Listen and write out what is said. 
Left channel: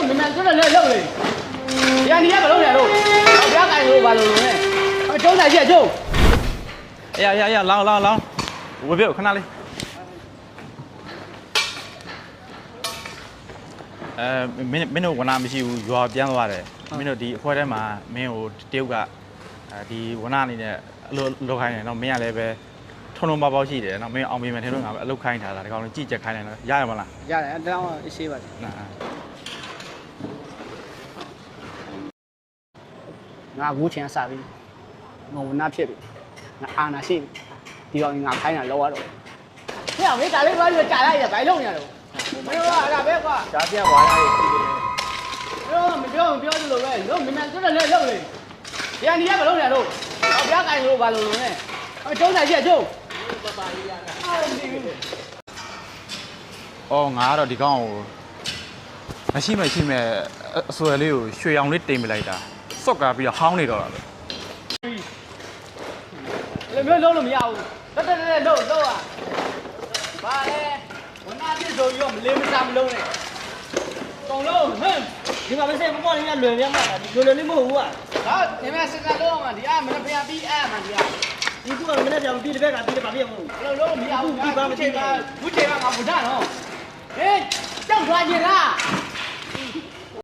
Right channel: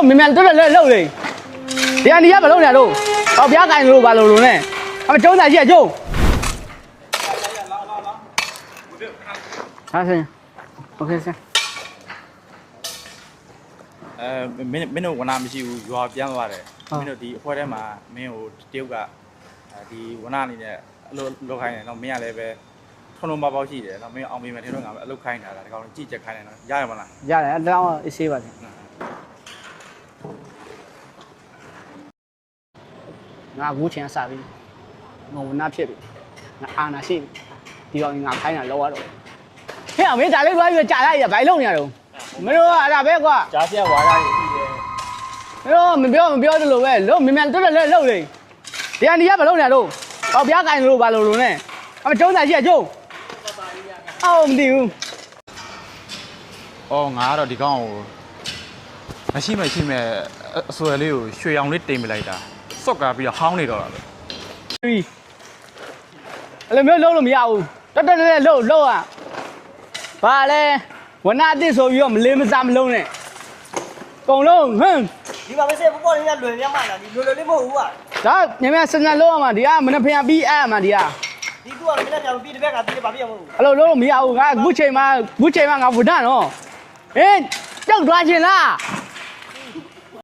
လို့မြန်မြန်တွတ်လှုပ်လေဒီကနေရမလုပ်ရတော့ဟောပြားကိုင်လို့ဘာလို့လို့လဲအမကျုံးစားရှိကျုံးရလောင်းဝေပြခဏလေးဟာဆင်โอเคဆင်မင်းတို့ဝနာမရှိဘူးရွာပြန်သွားတယ်မင်းတို့ဒီအဖွဲထဲမှာမင်းကိုတရုတ်ကဒီဝနာအနေနဲ့အလိုလောက်ခိုင်းတယ်နော်မင်းကလည်းပဲထုံထုံပေါက်ရှိတယ်နော်မင်းအောင်မေးမယ်ထဲတော့ငါပဲအလုပ်ခိုင်းထားတာဒီကောင်လေးကြည့်ချက်ခိုင်းတယ်နော်ရရမလားရတယ်အဲ့တော့အေးဆေးပါတယ်ငါကူးချင်စားပြီငုံနာဖြစ်ပြီငါအာနာရှိပြီဒီကောင်ငါခိုင်းတာလောက်ရတော့ဟဲ့မင်းဒါလေးသွားပြီးကြာလိုက်ရဘိုင်လုံးနေရတော့မင်းတို့ကအဲ့ဒါပဲကွာကြားပြဝါရတွေရှိတယ်အဲ့တော့မပြောသလိုပဲလို့မြန်မြန်တွတ်လှုပ်လေဒီကနေရမလုပ်ရတော့ဟောပြားကိုင်လို့ဘာလို့လို့လဲအမကျုံးစားရှိကျုံးအော်မသိဘူးအော်ငါကတော့ဒီကောင်ကိုမရှိမဲ့အဆွဲလေးကိုရွှေရောင်လေးတင်ပြလိုက်တာစော့ကားပြီးတော့ဟောင်းနေတော့တာပဲအဲ့လိုမျိုးလုံးလို့မရဘူးတက်လှုပ်อ่ะဘာလဲဝနာအစ်ဆိုပြီးတော့မလေးမစားမလုံးနဲ့ကုံလုံးဟမ်ဒီမှာမစဲပေါ်လေးကလွယ်ပြတ်မှတ်တာဒီလွယ်လေးမဟုတ်ဘူးอ่ะဒါညမစနလုံးအောင်မှာဒီကမနှဖျားပြီးအဲ့မှာဒီကဒီသူကမနေ့ပြောင်းပြီးတစ်ဘက်ကပြီးတယ်ဘာဖြစ်မဟုတ်ဘူးအဲ့လိုလုံးမရဘူးငါခုချိန်မှာငါဝဒနော်ဟေးကြောက်သွားချင်လား